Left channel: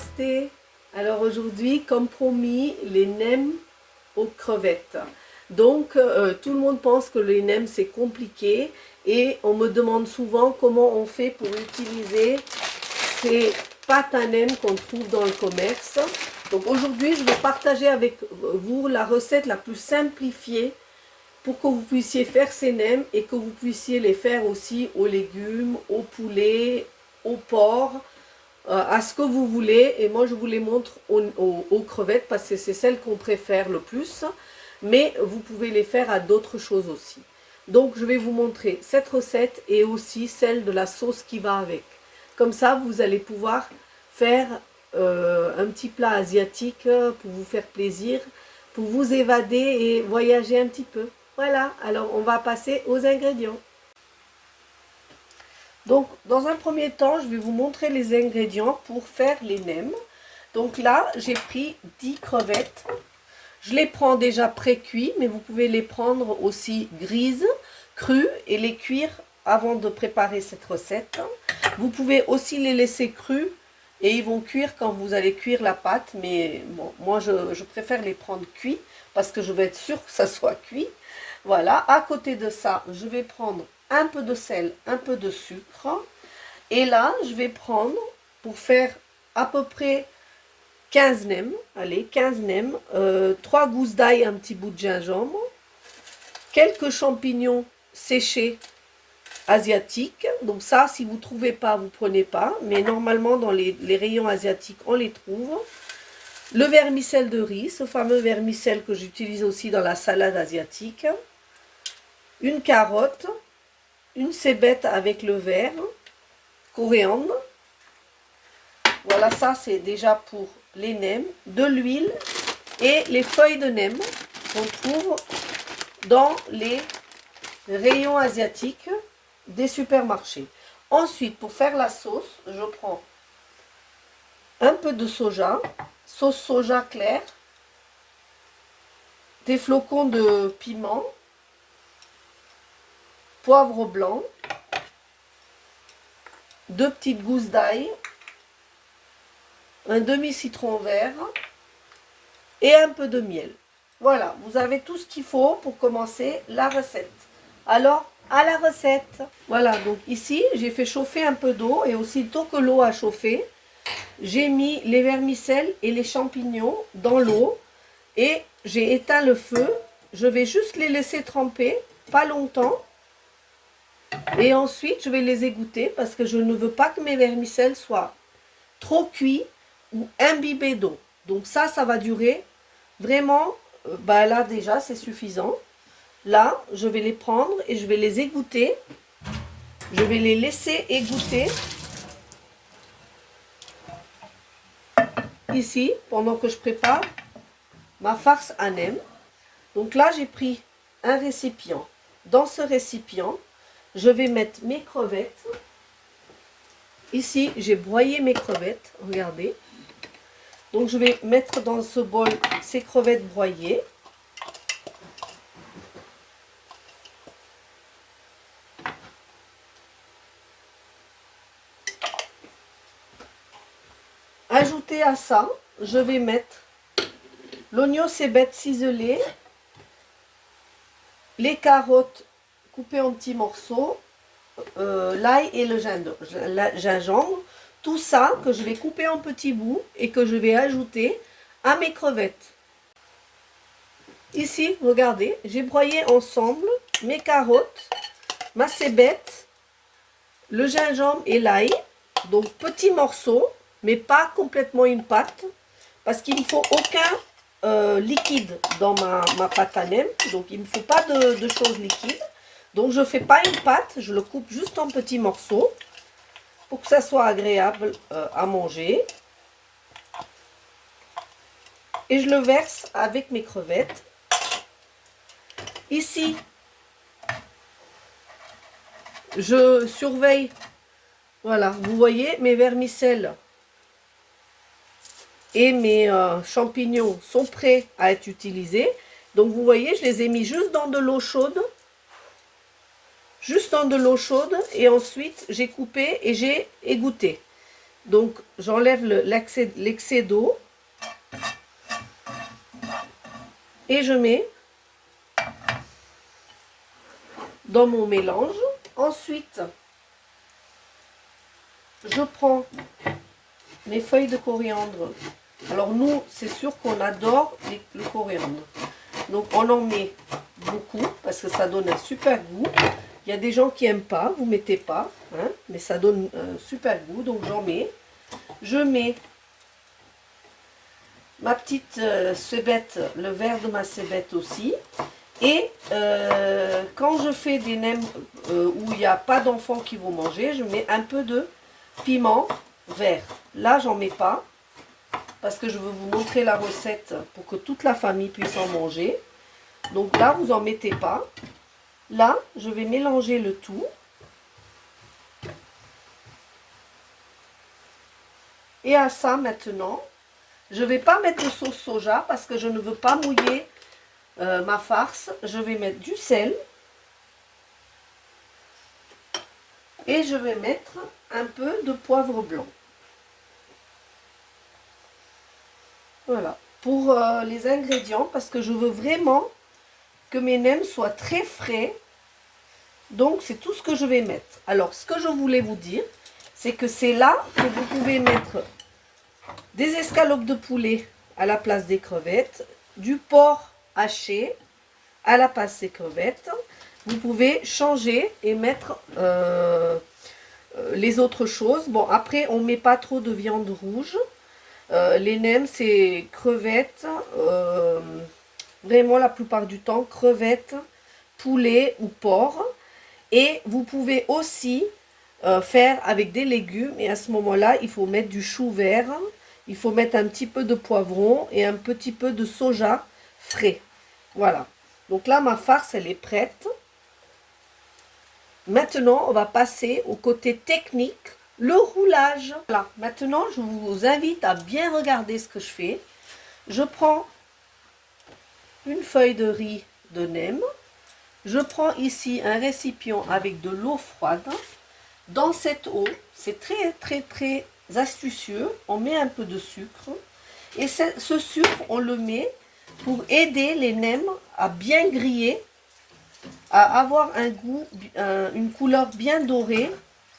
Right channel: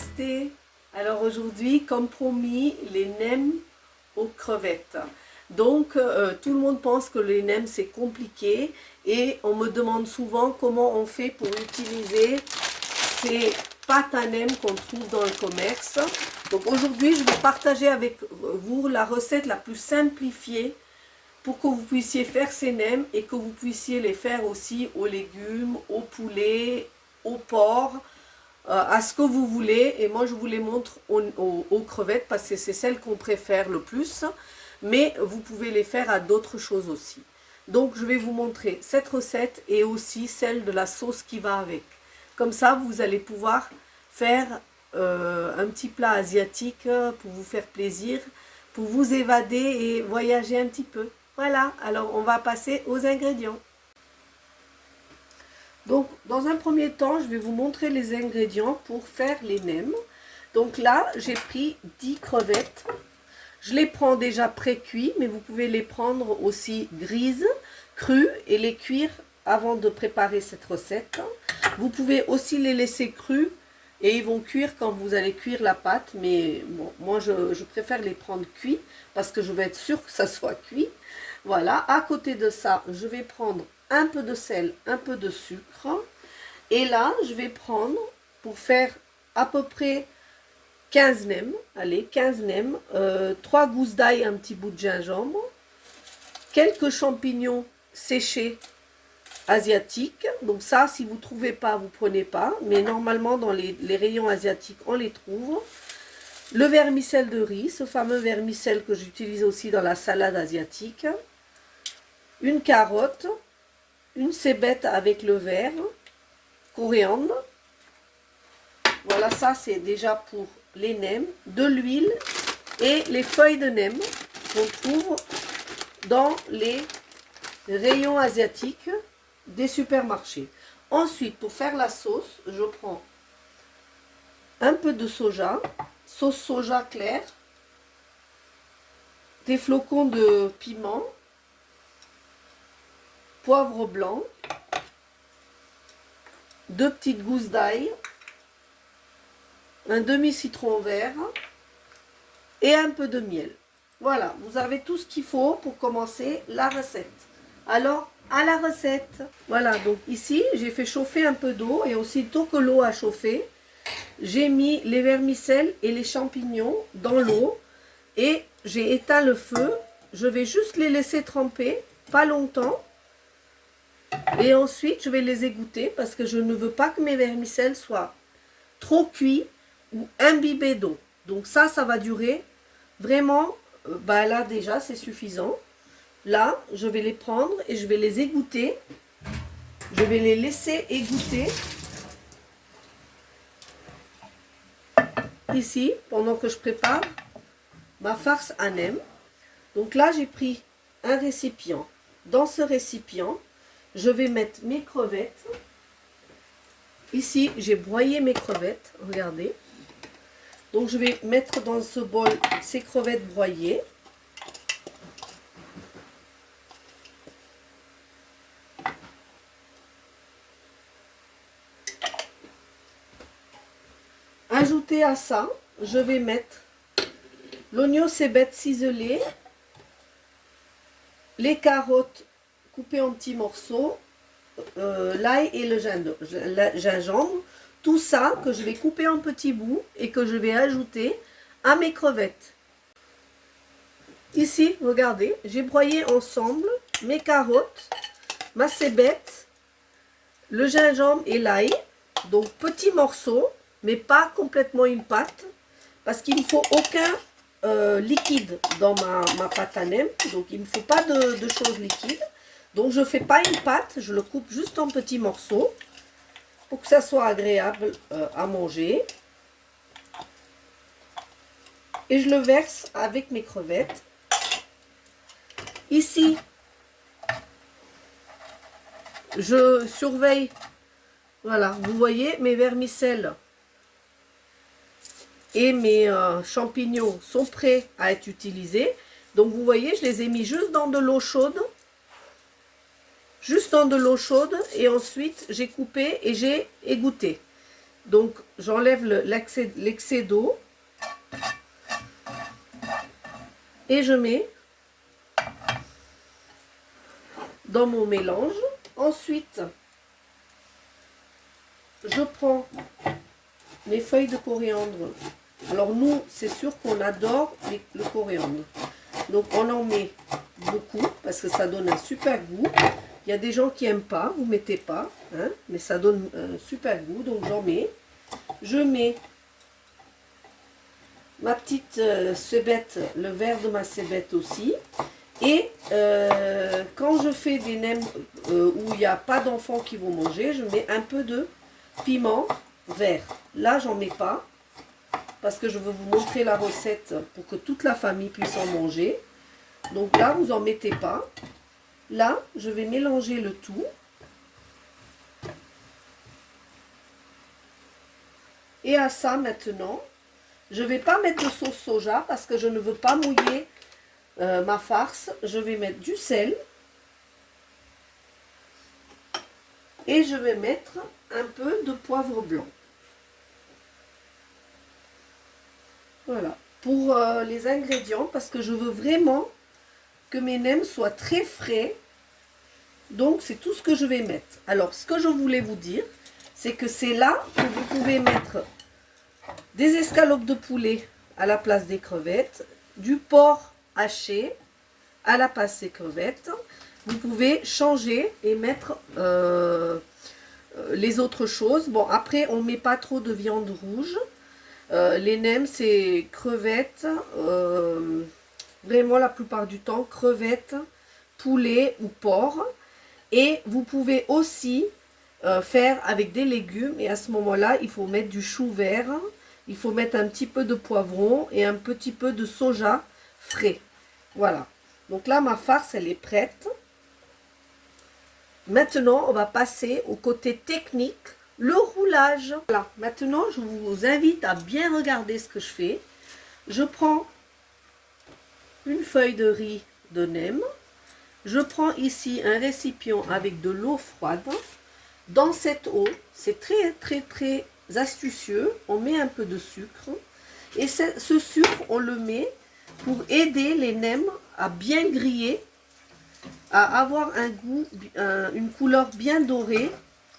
Namasté. Alors aujourd'hui, comme promis, les nems aux crevettes. Donc tout le monde pense que les nems c'est compliqué et on me demande souvent comment on fait pour utiliser ces pâtes à nems qu'on trouve dans le commerce. Donc aujourd'hui, je vais partager avec vous la recette la plus simplifiée pour que vous puissiez faire ces nems et que vous puissiez les faire aussi aux légumes, au poulet, au porc, à ce que vous voulez. Et moi je vous les montre aux crevettes parce que c'est celles qu'on préfère le plus, mais vous pouvez les faire à d'autres choses aussi. Donc je vais vous montrer cette recette et aussi celle de la sauce qui va avec. Comme ça vous allez pouvoir faire un petit plat asiatique pour vous faire plaisir, pour vous évader et voyager un petit peu. Voilà, alors on va passer aux ingrédients. Donc, dans un premier temps, je vais vous montrer les ingrédients pour faire les nems. Donc là, j'ai pris 10 crevettes. Je les prends déjà pré-cuits, mais vous pouvez les prendre aussi grises, crues, et les cuire avant de préparer cette recette. Vous pouvez aussi les laisser crus, et ils vont cuire quand vous allez cuire la pâte. Mais bon, moi, je préfère les prendre cuits, parce que je vais être sûre que ça soit cuit. Voilà, à côté de ça, je vais prendre un peu de sel, un peu de sucre. Et là, je vais prendre, pour faire à peu près 15 nems, allez, 15 nems, 3 gousses d'ail, un petit bout de gingembre, quelques champignons séchés asiatiques. Donc ça, si vous ne trouvez pas, vous ne prenez pas. Mais normalement, dans les rayons asiatiques, on les trouve. Le vermicelle de riz, ce fameux vermicelle que j'utilise aussi dans la salade asiatique. Une carotte, une cébette avec le vert, coriandre. Voilà, ça c'est déjà pour les nems, de l'huile et les feuilles de nems qu'on trouve dans les rayons asiatiques des supermarchés. Ensuite, pour faire la sauce, je prends un peu de soja, sauce soja claire, des flocons de piment, poivre blanc, 2 petites gousses d'ail, un demi-citron vert et un peu de miel. Voilà, vous avez tout ce qu'il faut pour commencer la recette. Alors, à la recette. Voilà, donc ici, j'ai fait chauffer un peu d'eau et aussitôt que l'eau a chauffé, j'ai mis les vermicelles et les champignons dans l'eau et j'ai éteint le feu. Je vais juste les laisser tremper, pas longtemps. Et ensuite, je vais les égoutter parce que je ne veux pas que mes vermicelles soient trop cuits ou imbibés d'eau. Donc ça va durer vraiment, là déjà c'est suffisant. Là, je vais les prendre et je vais les égoutter. Je vais les laisser égoutter ici pendant que je prépare ma farce à nems. Donc là, j'ai pris un récipient. Dans ce récipient, je vais mettre mes crevettes. Ici, j'ai broyé mes crevettes, regardez. Donc, je vais mettre dans ce bol ces crevettes broyées. Ajouter à ça, je vais mettre l'oignon cébette ciselé, les carottes coupées en petits morceaux, l'ail et le gingembre, tout ça que je vais couper en petits bouts et que je vais ajouter à mes crevettes. Ici, regardez, j'ai broyé ensemble mes carottes, ma cébette, le gingembre et l'ail, donc petits morceaux, mais pas complètement une pâte, parce qu'il ne faut aucun liquide dans ma pâte à nems, donc il ne me faut pas de choses liquides. Donc je ne fais pas une pâte, je le coupe juste en petits morceaux pour que ça soit agréable à manger. Et je le verse avec mes crevettes. Ici, je surveille, voilà, vous voyez, mes vermicelles et mes champignons sont prêts à être utilisés. Donc vous voyez, je les ai mis juste dans de l'eau chaude. Juste dans de l'eau chaude et ensuite j'ai coupé et j'ai égoutté. Donc, j'enlève l'excès d'eau et je mets dans mon mélange. Ensuite, je prends mes feuilles de coriandre. Alors nous, c'est sûr qu'on adore le coriandre. Donc on en met beaucoup parce que ça donne un super goût. Il y a des gens qui n'aiment pas, vous ne mettez pas, hein, mais ça donne un super goût. Donc j'en mets. Je mets ma petite cébette, le verre de ma cébette aussi. Et quand je fais des nems où il n'y a pas d'enfants qui vont manger, je mets un peu de piment vert. Là, j'en mets pas parce que je veux vous montrer la recette pour que toute la famille puisse en manger. Donc là, vous en mettez pas. Là, je vais mélanger le tout. Et à ça, maintenant, je ne vais pas mettre de sauce soja parce que je ne veux pas mouiller ma farce. Je vais mettre du sel. Et je vais mettre un peu de poivre blanc. Voilà. Pour les ingrédients, parce que je veux vraiment que mes nems soient très frais. Donc, c'est tout ce que je vais mettre. Alors, ce que je voulais vous dire, c'est que c'est là que vous pouvez mettre des escalopes de poulet à la place des crevettes, du porc haché à la place des crevettes. Vous pouvez changer et mettre les autres choses. Bon, après, on ne met pas trop de viande rouge. Les nems, c'est crevettes, vraiment la plupart du temps, crevettes, poulet ou porc. Et vous pouvez aussi faire avec des légumes. Et à ce moment-là, il faut mettre du chou vert. Il faut mettre un petit peu de poivron et un petit peu de soja frais. Voilà. Donc là, ma farce, elle est prête. Maintenant, on va passer au côté technique, le roulage. Voilà. Maintenant, je vous invite à bien regarder ce que je fais. Je prends une feuille de riz de nem. Je prends ici un récipient avec de l'eau froide. Dans cette eau, c'est très astucieux. On met un peu de sucre. Et ce sucre, on le met pour aider les nems à bien griller, à avoir un goût, une couleur bien dorée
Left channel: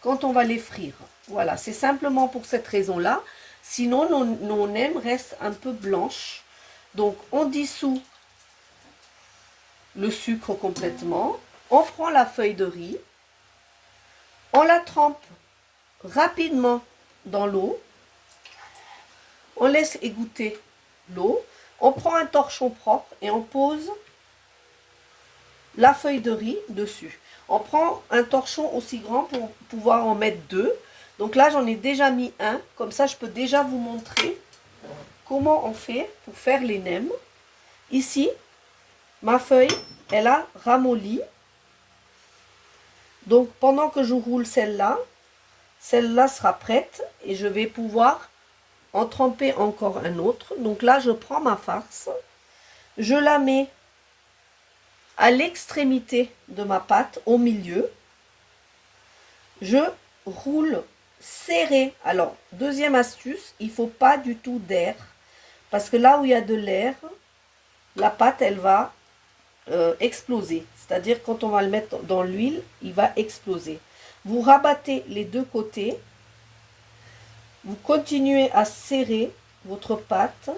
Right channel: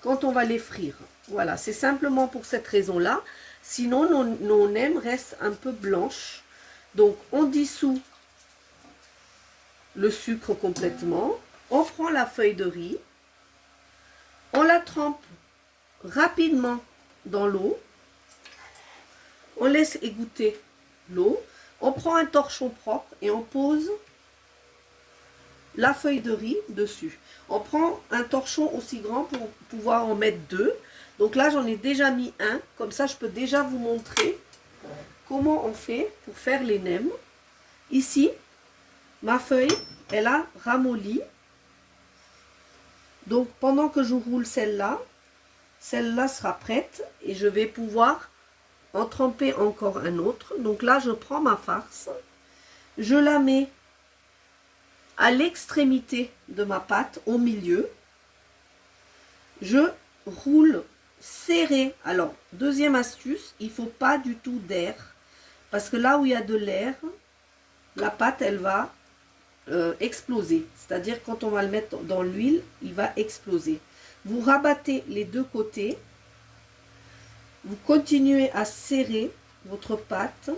quand on va les frire. Voilà, c'est simplement pour cette raison-là. Sinon, nos nems restent un peu blanches. Donc, on dissout le sucre complètement. On prend la feuille de riz. On la trempe rapidement dans l'eau. On laisse égoutter l'eau. On prend un torchon propre et on pose la feuille de riz dessus. On prend un torchon aussi grand pour pouvoir en mettre deux. Donc là, j'en ai déjà mis un. Comme ça, je peux déjà vous montrer comment on fait pour faire les nems. Ici, ma feuille, elle a ramolli. Donc, pendant que je roule celle-là sera prête et je vais pouvoir en tremper encore un autre. Donc là, je prends ma farce, je la mets à l'extrémité de ma pâte, au milieu. Je roule serré. Alors, deuxième astuce, il ne faut pas du tout d'air. Parce que là où il y a de l'air, la pâte, elle va exploser. C'est-à-dire, quand on va le mettre dans l'huile, il va exploser. Vous rabattez les deux côtés. Vous continuez à serrer votre pâte.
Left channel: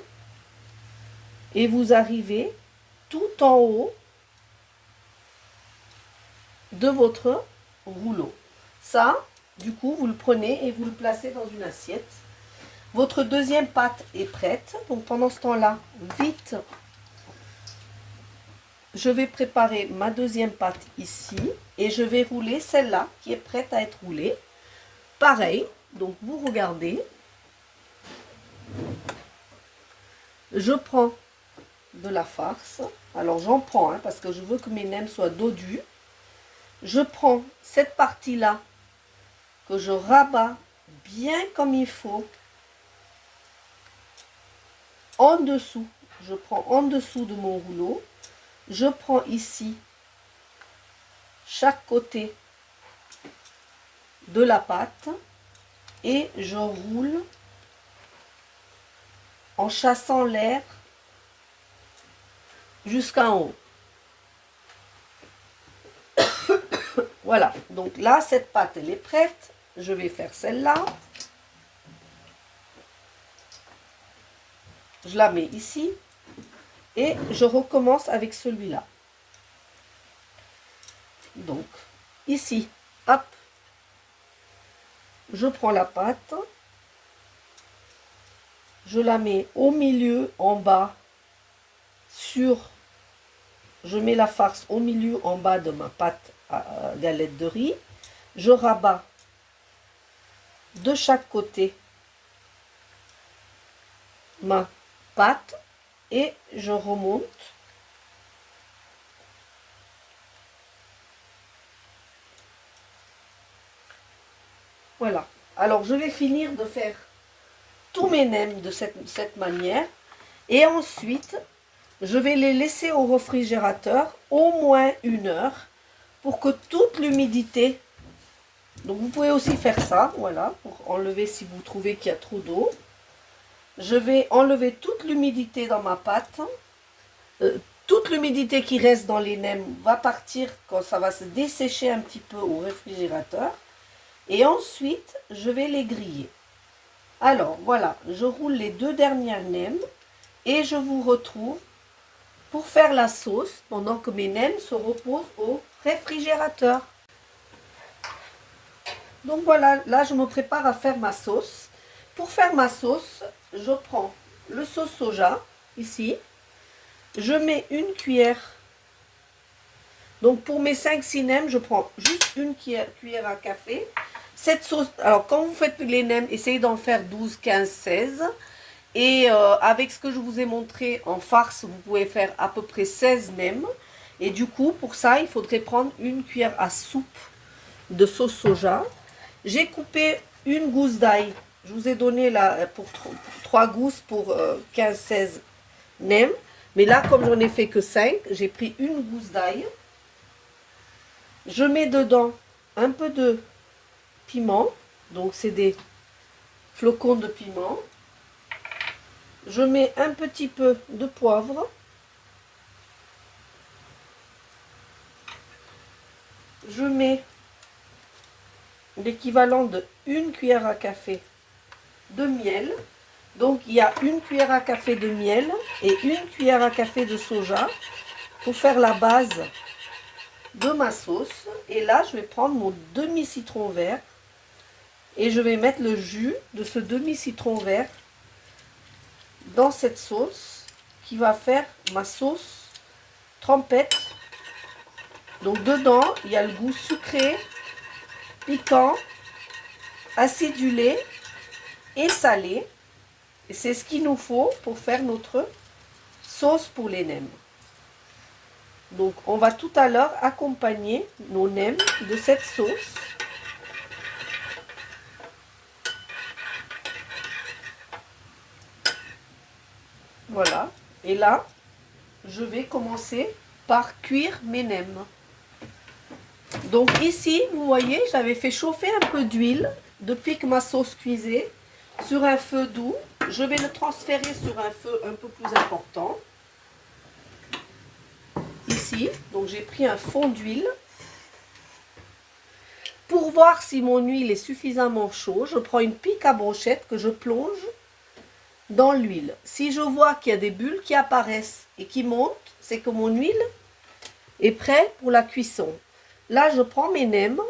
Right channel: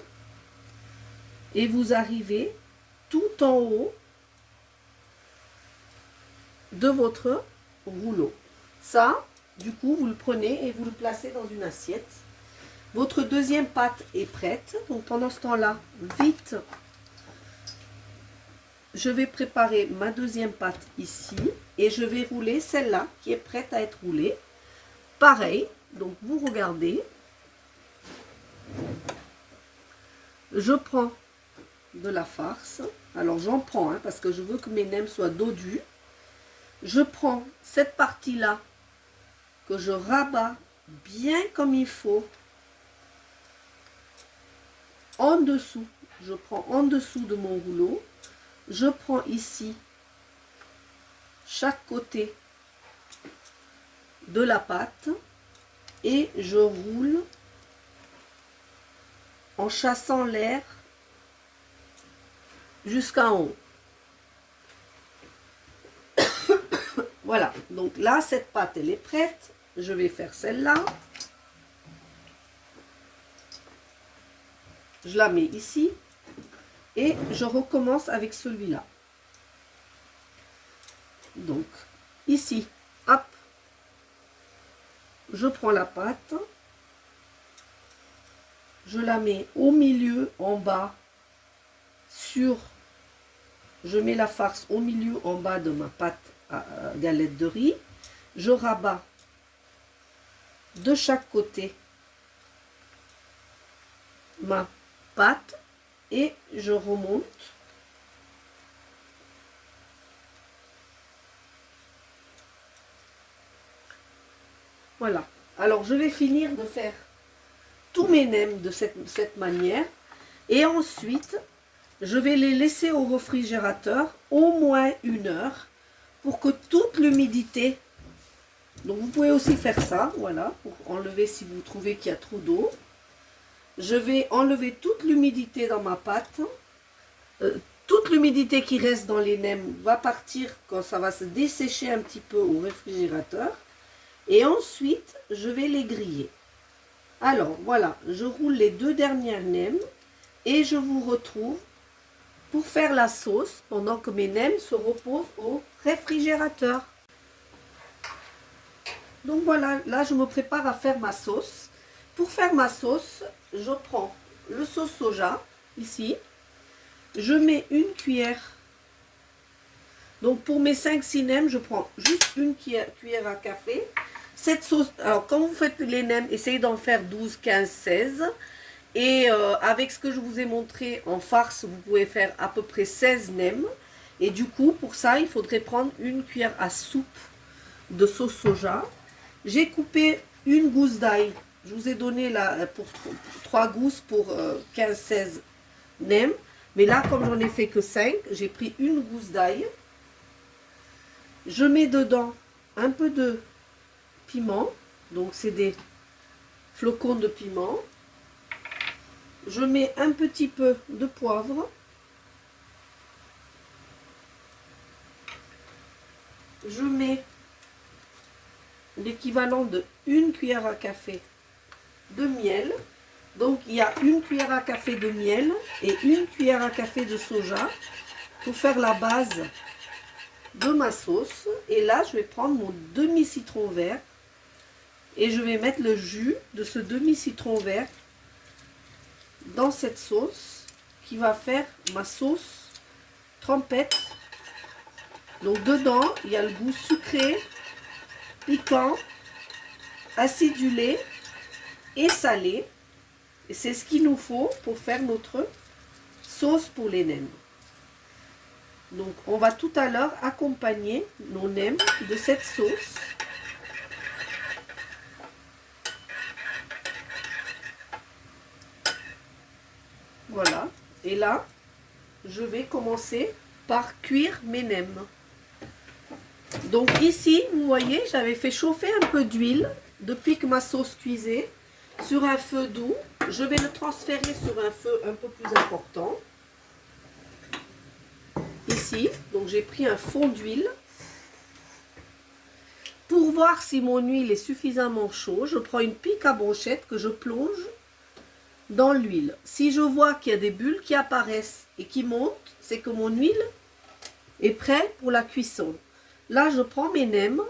Et vous arrivez tout en haut de votre rouleau. Ça, du coup, vous le prenez et vous le placez dans une assiette. Votre deuxième pâte est prête. Donc, pendant ce temps-là, vite, je vais préparer ma deuxième pâte ici. Et je vais rouler celle-là qui est prête à être roulée. Pareil, donc vous regardez. Je prends de la farce. Alors, j'en prends, hein, parce que je veux que mes nems soient dodus. Je prends cette partie-là que je rabats bien comme il faut en dessous. Je prends en dessous de mon rouleau. Je prends ici chaque côté de la pâte et je roule en chassant l'air jusqu'en haut. Voilà, donc là, cette pâte, elle est prête. Je vais faire celle-là. Je la mets ici. Et je recommence avec celui-là. Donc, ici, hop. Je prends la pâte. Je la mets au milieu, en bas, je mets la farce au milieu, en bas de ma pâte à galette de riz. Je rabats de chaque côté ma pâte et je remonte. Voilà. Alors, je vais finir de faire tous mes nems de cette manière. Et ensuite, je vais les laisser au réfrigérateur au moins 1 heure pour que toute l'humidité... Donc, vous pouvez aussi faire ça, voilà, pour enlever si vous trouvez qu'il y a trop d'eau. Je vais enlever toute l'humidité dans ma pâte. Toute l'humidité qui reste dans les nems va partir quand ça va se dessécher un petit peu au réfrigérateur. Et ensuite, je vais les griller. Alors, voilà, je roule les 2 dernières nems et je vous retrouve pour faire la sauce pendant que mes nems se reposent au réfrigérateur. Donc voilà, là je me prépare à faire ma sauce. Pour faire ma sauce, je prends le sauce soja, ici. Je mets 1 cuillère. Donc pour mes 5-6 nems, je prends juste 1 cuillère à café. Cette sauce, alors quand vous faites les nems, essayez d'en faire 12, 15, 16. Et avec ce que je vous ai montré en farce, vous pouvez faire à peu près 16 nems. Et du coup, pour ça, il faudrait prendre 1 cuillère à soupe de sauce soja. J'ai coupé 1 gousse d'ail. Je vous ai donné là pour 3 gousses pour 15-16 nems. Mais là, comme j'en ai fait que 5, j'ai pris 1 gousse d'ail. Je mets dedans un peu de piment. Donc, c'est des flocons de piment. Je mets un petit peu de poivre. Je mets l'équivalent de 1 cuillère à café de miel. Donc, il y a 1 cuillère à café de miel et 1 cuillère à café de soja pour faire la base de ma sauce. Et là, je vais prendre mon demi-citron vert et je vais mettre le jus de ce demi-citron vert dans cette sauce qui va faire ma sauce trempette. Donc, dedans, il y a le goût sucré, piquant, acidulé et salé. Et c'est ce qu'il nous faut pour faire notre sauce pour les nems. Donc, on va tout à l'heure accompagner nos nems de cette sauce. Voilà. Et là, je vais commencer par cuire mes nems. Donc ici, vous voyez, j'avais fait chauffer un peu d'huile depuis que ma sauce cuisait sur un feu doux. Je vais le transférer sur un feu un peu plus important. Ici, donc j'ai pris un fond d'huile. Pour voir si mon huile est suffisamment chaude, je prends une pique à brochette que je plonge dans l'huile. Si je vois qu'il y a des bulles qui apparaissent et qui montent, c'est que mon huile est prête pour la cuisson. Là, je prends mes nems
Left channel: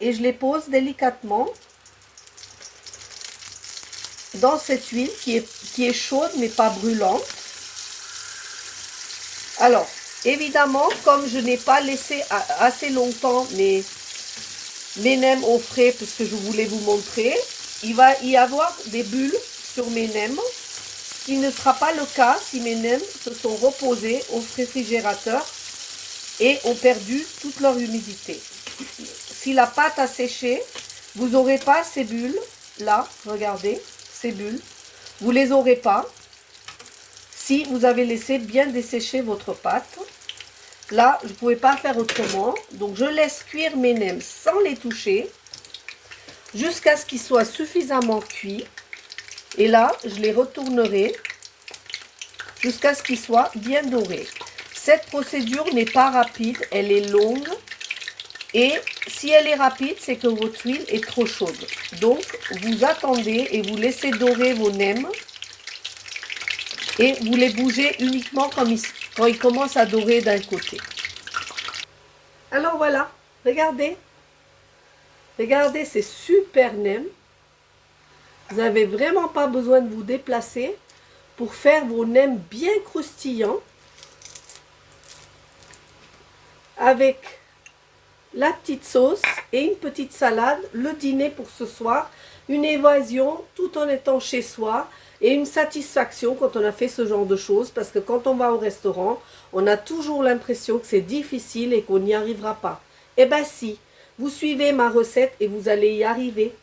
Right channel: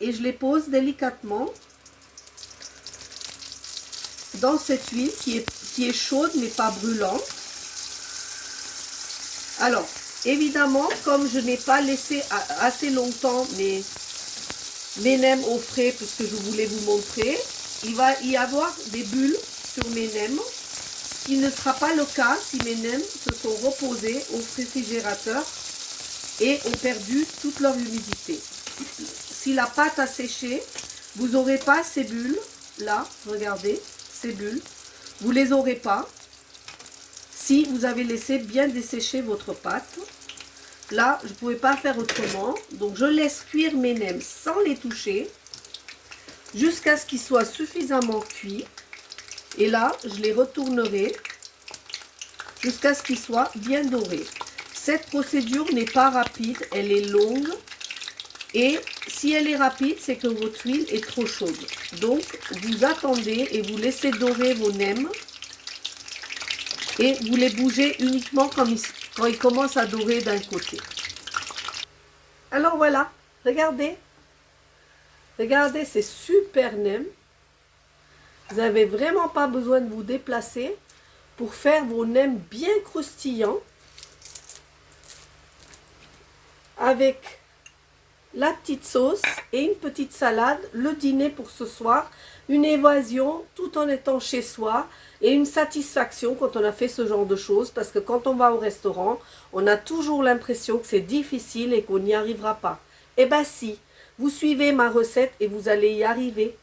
et je les pose délicatement dans cette huile qui est chaude mais pas brûlante. Alors, évidemment, comme je n'ai pas laissé assez longtemps mes nems au frais, puisque je voulais vous montrer, il va y avoir des bulles sur mes nems, ce qui ne sera pas le cas si mes nems se sont reposés au réfrigérateur et ont perdu toute leur humidité. Si la pâte a séché, vous n'aurez pas ces bulles, là, regardez, ces bulles, vous ne les aurez pas si vous avez laissé bien dessécher votre pâte. Là, je ne pouvais pas faire autrement, donc je laisse cuire mes nems sans les toucher. jusqu'à ce qu'il soit suffisamment cuit. Et là, je les retournerai jusqu'à ce qu'ils soient bien dorés. Cette procédure n'est pas rapide, elle est longue. Et si elle est rapide, c'est que votre huile est trop chaude. Donc, vous attendez et vous laissez dorer vos nems. Et vous les bougez uniquement quand ils commencent à dorer d'un côté. Alors voilà, regardez. Regardez, c'est super nem. Vous n'avez vraiment pas besoin de vous déplacer pour faire vos nems bien croustillants. Avec la petite sauce et une petite salade, le dîner pour ce soir, une évasion tout en étant chez soi et une satisfaction quand on a fait ce genre de choses, parce que quand on va au restaurant, on a toujours l'impression que c'est difficile et qu'on n'y arrivera pas. Eh bien si, vous suivez ma recette et vous allez y arriver.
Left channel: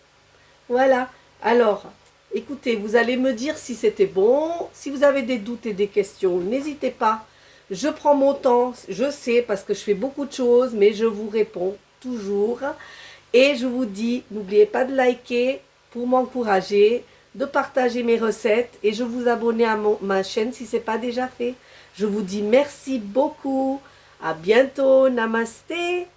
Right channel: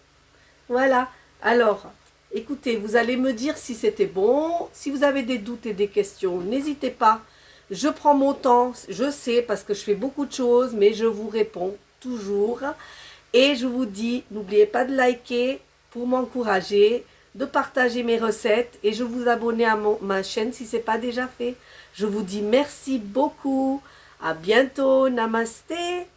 Voilà, alors écoutez, vous allez me dire si c'était bon, si vous avez des doutes et des questions, n'hésitez pas. Je prends mon temps, je sais, parce que je fais beaucoup de choses, mais je vous réponds toujours. Et je vous dis, n'oubliez pas de liker pour m'encourager, de partager mes recettes et je vous abonner à ma chaîne si ce n'est pas déjà fait. Je vous dis merci beaucoup. À bientôt. Namasté.